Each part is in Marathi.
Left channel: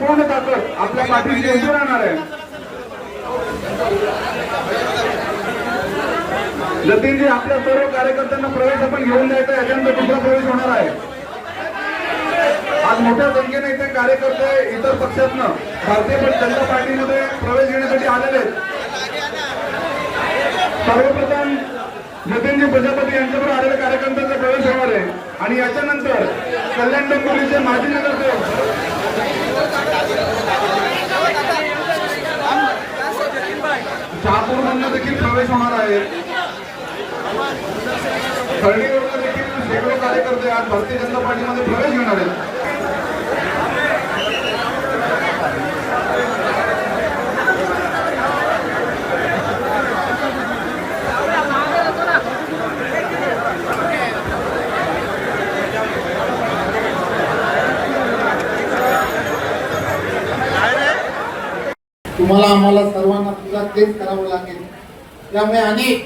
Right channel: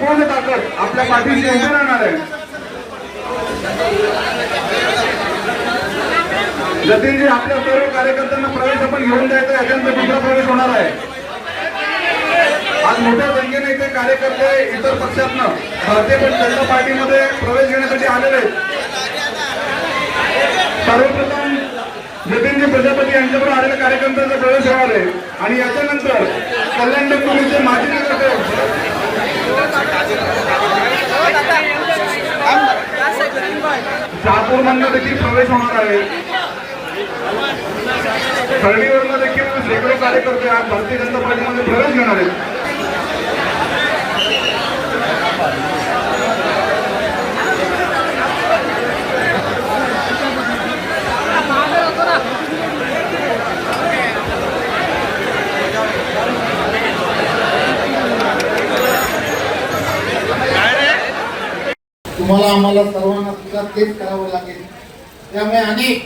पूर्ण ताकद आपल्या पाठीशी उभी राहणार आहे। जतीनजी आपल्या सर्व कार्यकर्त्यांना प्रवेश आपण घेऊन द्यायचा आहे, अत्यंत दुसरा प्रवेश होणार आहे। आज मोठ्या संख्येने इथे कार्यकर्ते इतर पक्षातनं भारतीय जनता पार्टीमध्ये प्रवेश घेण्यासाठी आलेले आहेत। सर्वप्रथम जतीनजी प्रजापती यांच्याकडे आलेल्या कार्यकर्त्यांचा प्रवेश होणार आहे आणि याच्यानंतर कल्याण डोंबिवलीचे माजी नगरसेवक शहापूरमधनं देखील प्रवेश होणार आहे। खर्डीवरनं देखील वेगवेगळे कार्यकर्ते आज भारतीय जनता पार्टीमध्ये प्रवेश घेणार आहेत। तुम्हाला आम्हाला सर्वांना सुद्धा तेच करावं लागेल। त्यामुळे अनेक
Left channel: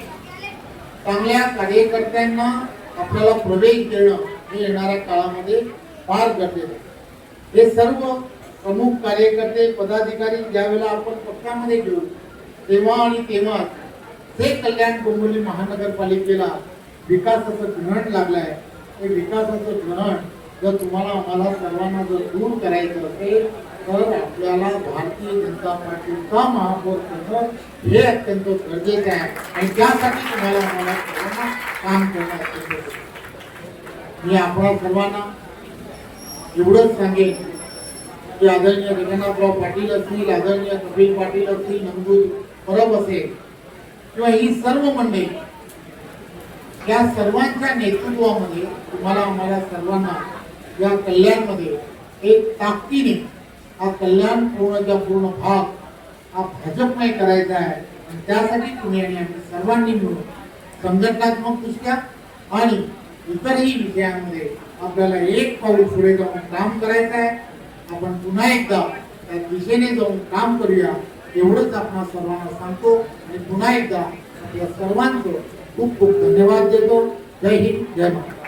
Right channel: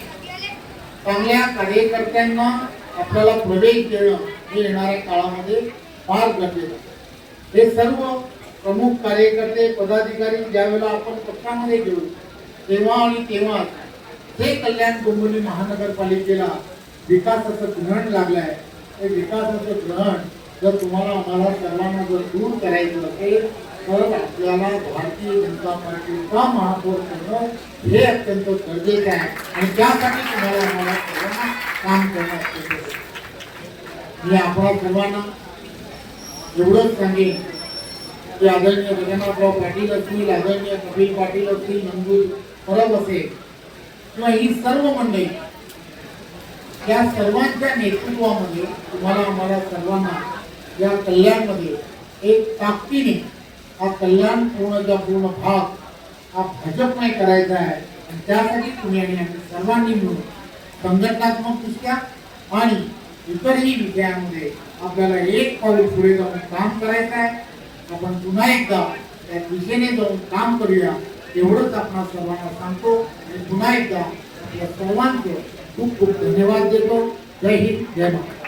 चांगल्या कार्यकर्त्यांना आपल्याला प्रवेश देणं हे येणाऱ्या काळामध्ये फार गरजेचं आहे। हे सर्व प्रमुख कार्यकर्ते पदाधिकारी ज्यावेळेला आपण पक्षामध्ये घेऊ तेव्हा आणि तेव्हा हे कल्याण डोंबिवली महानगरपालिकेला विकासाचं ग्रहण लागलं आहे। हे विकासाचं ग्रहण जर तुम्हाला आम्हाला सर्वांना जर दूर करायचं असेल तर आपल्याला भारतीय जनता पार्टीचा महापौर करणं हे अत्यंत गरजेचं आहे आणि त्यासाठी तुम्हाला आम्हाला सर्वांना काम करणं अत्यंत गरजेचं आहे। मी आपल्या सर्वांना एवढंच सांगेन की आदरणीय रघुनाथराव पाटील असतील, आदरणीय कपिल पाटील असतील, नंदू परब असेल किंवा ही सर्व मंडळी, त्या सर्वांच्या नेतृत्वामध्ये तुम्हाला आम्हाला सर्वांना या कल्याणमध्ये एक ताकदीने हा कल्याण पूर्णचा पूर्ण भाग हा भाजपमय करायचा आहे आणि त्यासाठी तुम्ही आणि आम्ही सर्वांनी मिळून संघटनात्मक दृष्ट्या आणि इतरही विषयांमध्ये आपल्याला एक पाऊल पुढे जाऊन काम करायचं आहे। आपण पुन्हा एकदा त्या दिशेने जाऊन काम करूया एवढंच आपण सर्वांना सांगतो आणि पुन्हा एकदा आपल्या सर्वांचं खूप खूप धन्यवाद देतो। जय हिंद, जय महाराष्ट्र।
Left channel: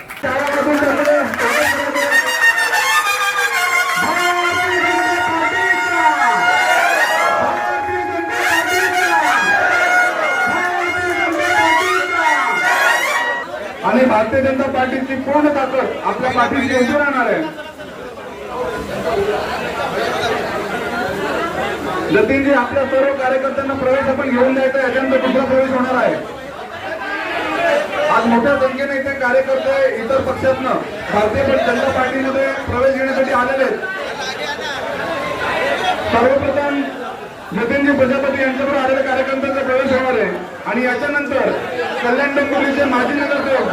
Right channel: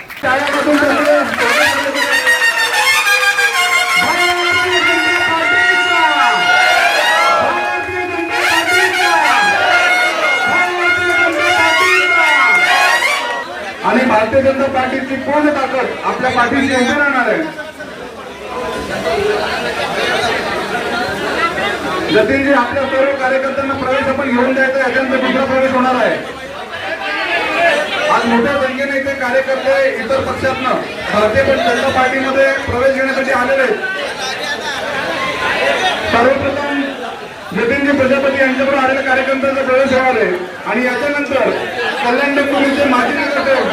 आणि भारतीय जनता पार्टीची पूर्ण ताकद आपल्या पाठीशी उभी राहणार आहे। जतीनजी आपल्या सर्व कार्यकर्त्यांना प्रवेश आपण घेऊन द्यायचा आहे, अत्यंत दुसरा प्रवेश होणार आहे। आज मोठ्या संख्येने इथे कार्यकर्ते इतर पक्षातनं भारतीय जनता पार्टीमध्ये प्रवेश घेण्यासाठी आलेले आहेत। सर्वप्रथम जतीनजी प्रजापती यांच्याकडे आलेल्या कार्यकर्त्यांचा प्रवेश होणार आहे आणि याच्यानंतर कल्याण डोंबिवलीचे माजी नगरसेवक